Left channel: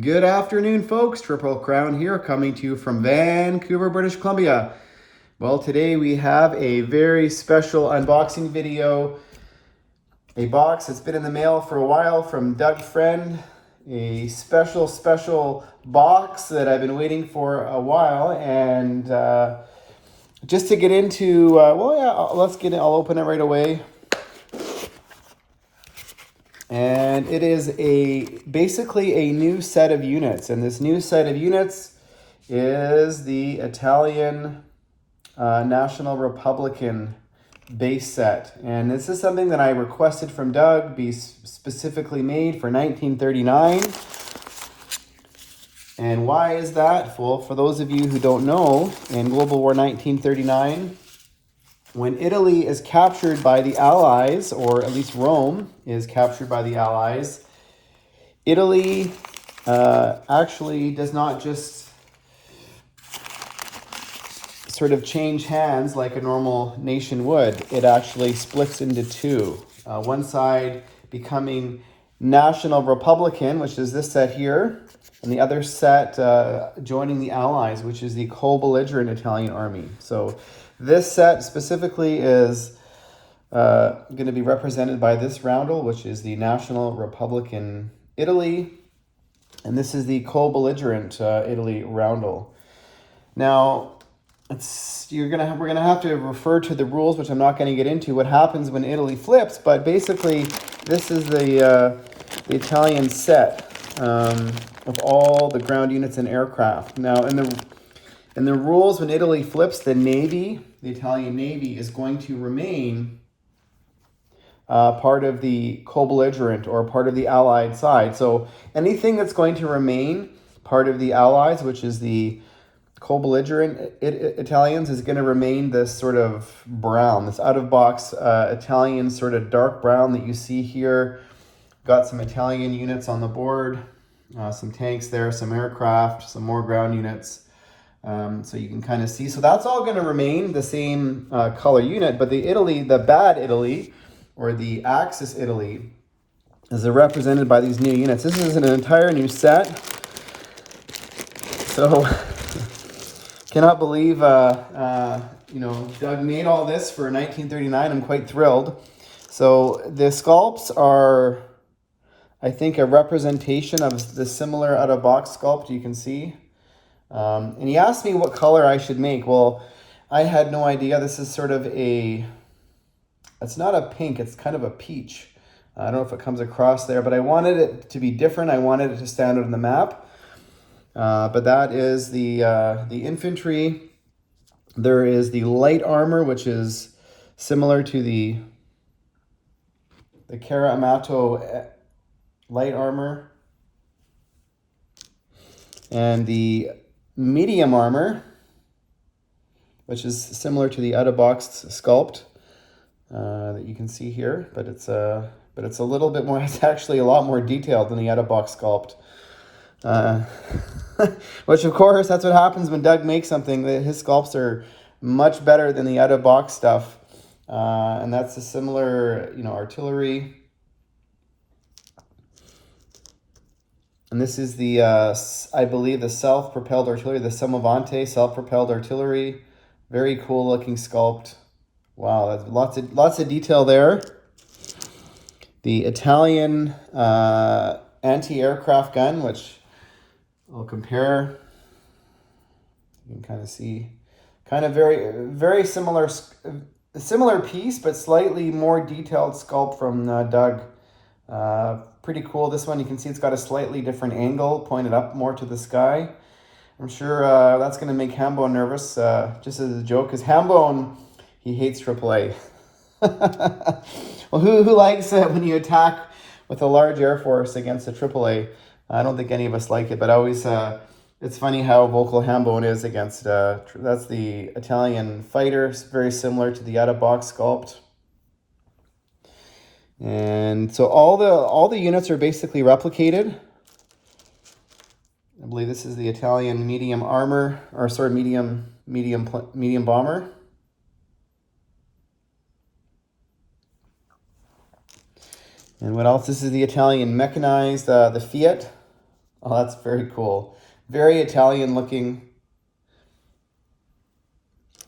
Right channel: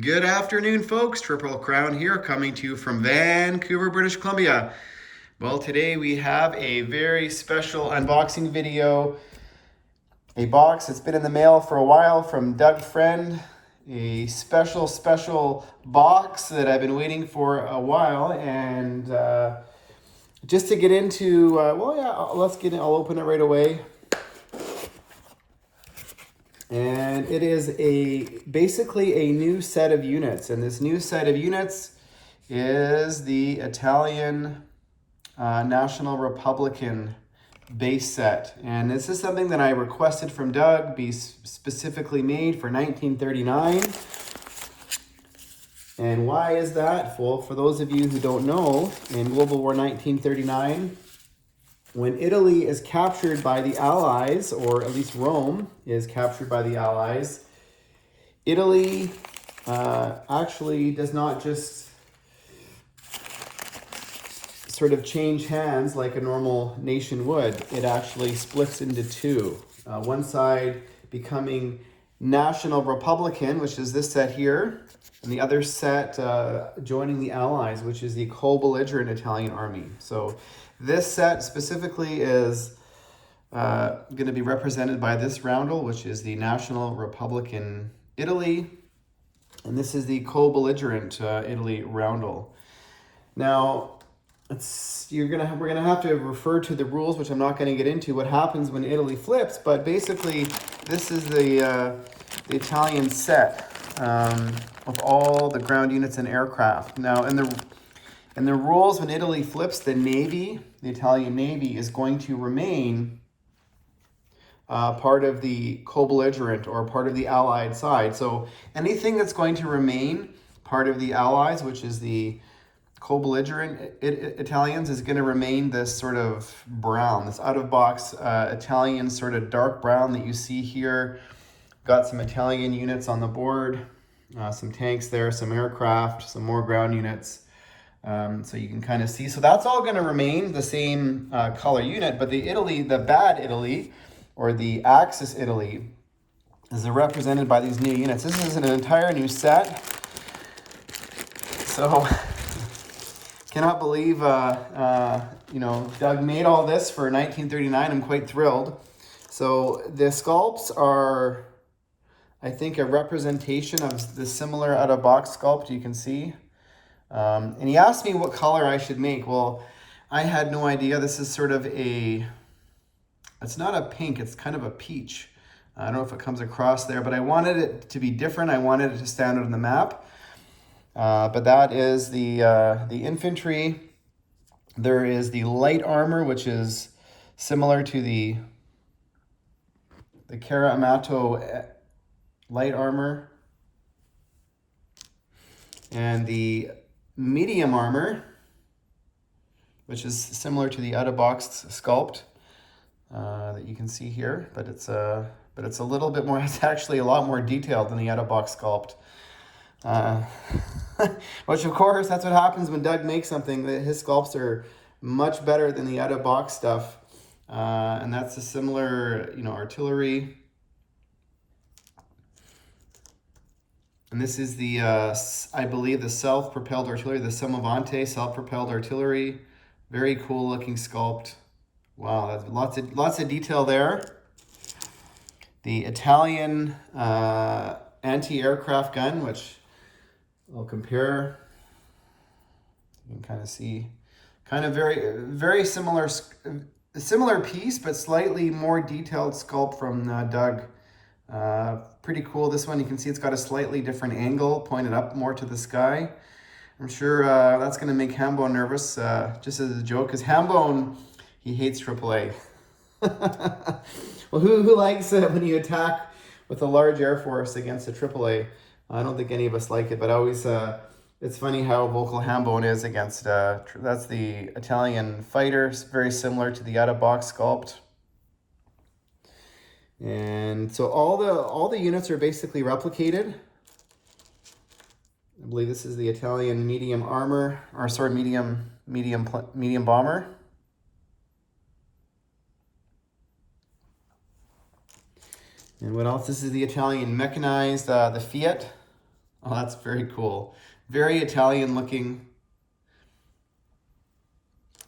Good afternoon, folks. Triple Crown here, coming to you from Vancouver, British Columbia. Well, today we have a very special unboxing video. A box that's been in the mail for a while from Doug Friend. A special box that I've been waiting for a while. And just to get into, let's get it. I'll open it right away. And it is basically a new set of units. And this new set of units is the Italian National Republican base set. And this is something that I requested from Doug be specifically made for 1939. And why is that? Well, for those of you who don't know, in World War 1939, when Italy is captured by the Allies, or at least Rome is captured by the Allies, Italy actually does not just sort of change hands like a normal nation would. It actually splits into two. One side becoming National Republican, which is this set here, and the other set joining the Allies, which is the co-belligerent Italian army. So this set specifically is going to be represented by this roundel, which is the National Republican Italy, and this is the co-belligerent Italy roundel. Now, we're gonna have to refer to the rules, which I'm not going to get into. What happens when Italy flips? But basically, this is the Italian set of all the ground units and aircraft. Now, in the rules, when Italy flips, the Italian Navy, is going to remain part of the co-belligerent or part of the Allied side. So anything that's going to remain part of the Allies, which is the co-belligerent Italians, is going to remain this sort of brown, this out-of-box Italian sort of dark brown that you see here. Got some Italian units on the board, some tanks there, some aircraft, some more ground units. So you can kind of see. So that's all going to remain the same color unit, but the bad Italy, or the Axis Italy, is represented by these new units. This is an entire new set. So cannot believe, Doug made all this for 1939. I'm quite thrilled. So the sculpts are, I think, a representation of the similar out-of-box sculpt you can see. And he asked me what color I should make. Well, I had no idea. This is sort of it's not a pink, it's kind of a peach. I don't know if it comes across there, but I wanted it to be different. I wanted it to stand out on the map. But that is the infantry. There is the light armor, which is similar to the Cara Amato light armor. And the medium armor, which is similar to the out-of-box sculpt that you can see here, but it's a little bit more. It's actually a lot more detailed than the out-of-box sculpt. Which, of course, that's what happens when Doug makes something. His sculpts are much better than the out-of-box stuff, and that's a similar, artillery. And this is the, I believe, the self-propelled artillery, the Somavante self-propelled artillery. Very cool looking sculpt. Wow, that's lots of detail there. The Italian anti-aircraft gun, which I'll compare. You can kind of see, kind of very similar piece, but slightly more detailed sculpt from Doug. Pretty cool. This one, you can see it's got a slightly different angle, pointed up more to the sky. I'm sure that's going to make Hambone nervous, just as a joke, because Hambone, he hates AAA. Well, who likes it when you attack with a large air force against a AAA? I don't think any of us like it, but always, it's funny how vocal Hambone is against, that's the Italian fighter. It's very similar to the out-of-box sculpt. And so all the units are basically replicated. I believe this is the Italian medium armor, or sorry, medium bomber. And what else? This is the Italian mechanized, the Fiat. Oh, that's very cool. Very Italian looking.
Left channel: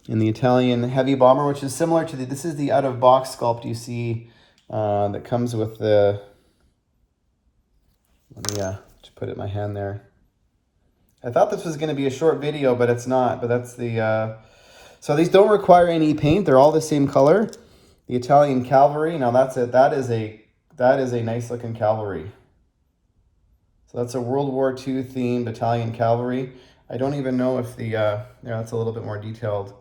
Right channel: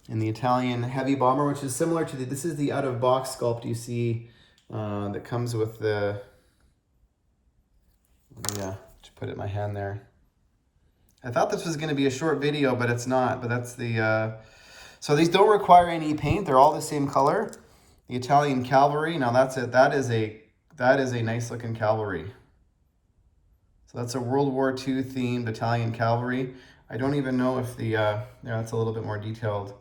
In the Italian heavy bomber, which is similar to this is the out-of-box sculpt you see that comes with the, yeah, just put it in my hand there. I thought this was going to be a short video, but it's not. But that's the, so these don't require any paint. They're all the same color. The Italian cavalry. Now that's it. That is a nice looking cavalry. So that's a World War II themed Italian cavalry. I don't even know if the, yeah, that's a little bit more detailed.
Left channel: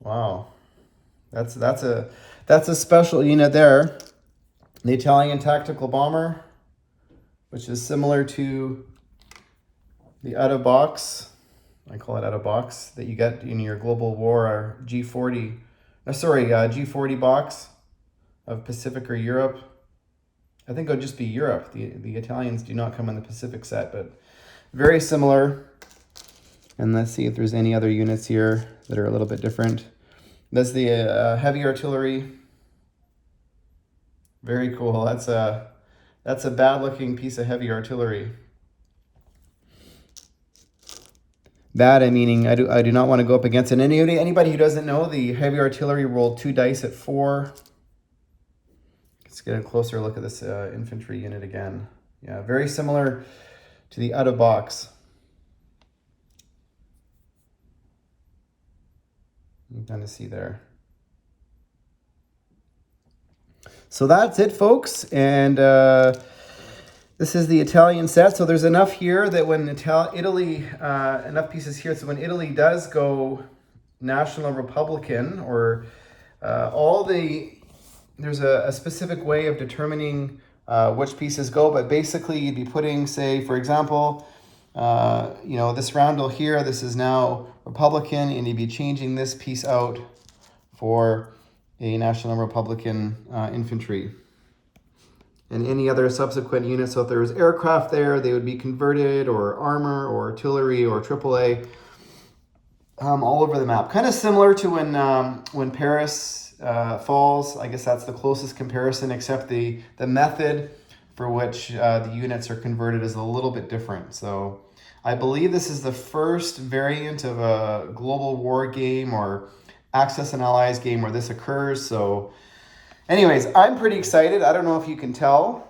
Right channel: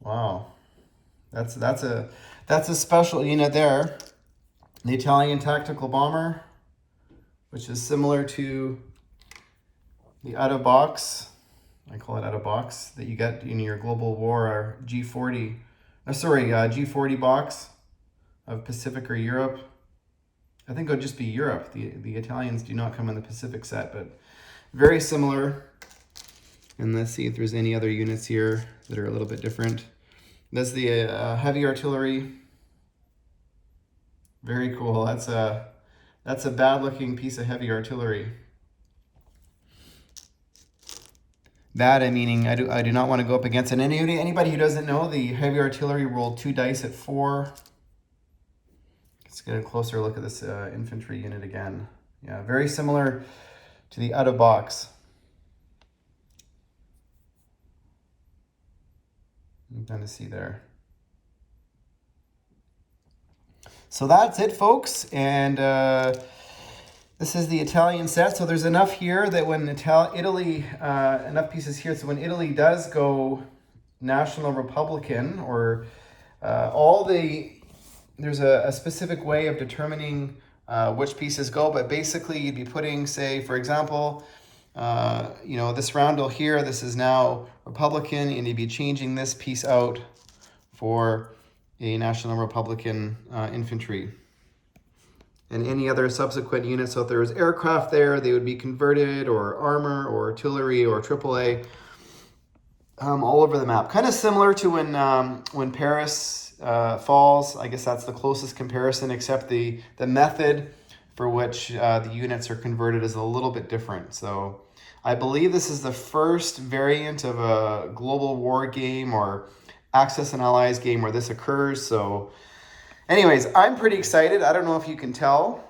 Wow. That's a special unit there. The Italian tactical bomber, which is similar to the out-of-box, I call it out-of-box, that you get in your Global War G40, G40 box of Pacific or Europe. I think it would just be Europe. The Italians do not come in the Pacific set, but very similar. And let's see if there's any other units here that are a little bit different. That's the heavy artillery. Very cool. That's a bad looking piece of heavy artillery. Bad, I meaning I do not want to go up against it. Anybody who doesn't know, the heavy artillery rolled 2 dice at 4. Let's get a closer look at this infantry unit again. Yeah, very similar to the out-of-box. You can kind of see there. So that's it, folks. And this is the Italian set. So there's enough here that when Italy, enough pieces here, so when Italy does go National Republican, or there's a specific way of determining which pieces go, but basically you'd be putting, say, for example, this roundel here, this is now Republican, and you'd be changing this piece out for a National Republican infantry. And any other subsequent units, so if there was aircraft there, they would be converted, or armor, or artillery, or AAA, all over the map. Kind of similar to when Paris falls. I guess that's the closest comparison, except the method for which the units are converted is a little bit different. So I believe this is the first variant of a global war game or Axis and Allies game where this occurs. So anyways, I'm pretty excited. I don't know if you can tell.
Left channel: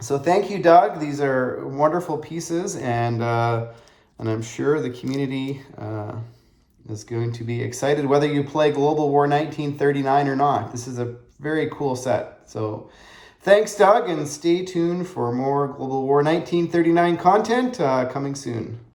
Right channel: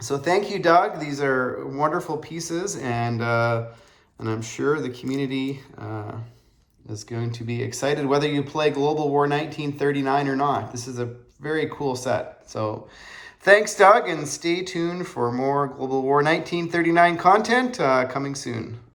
So thank you, Doug. These are wonderful pieces, and I'm sure the community is going to be excited whether you play Global War 1939 or not. This is a very cool set. So thanks, Doug, and stay tuned for more Global War 1939 content coming soon.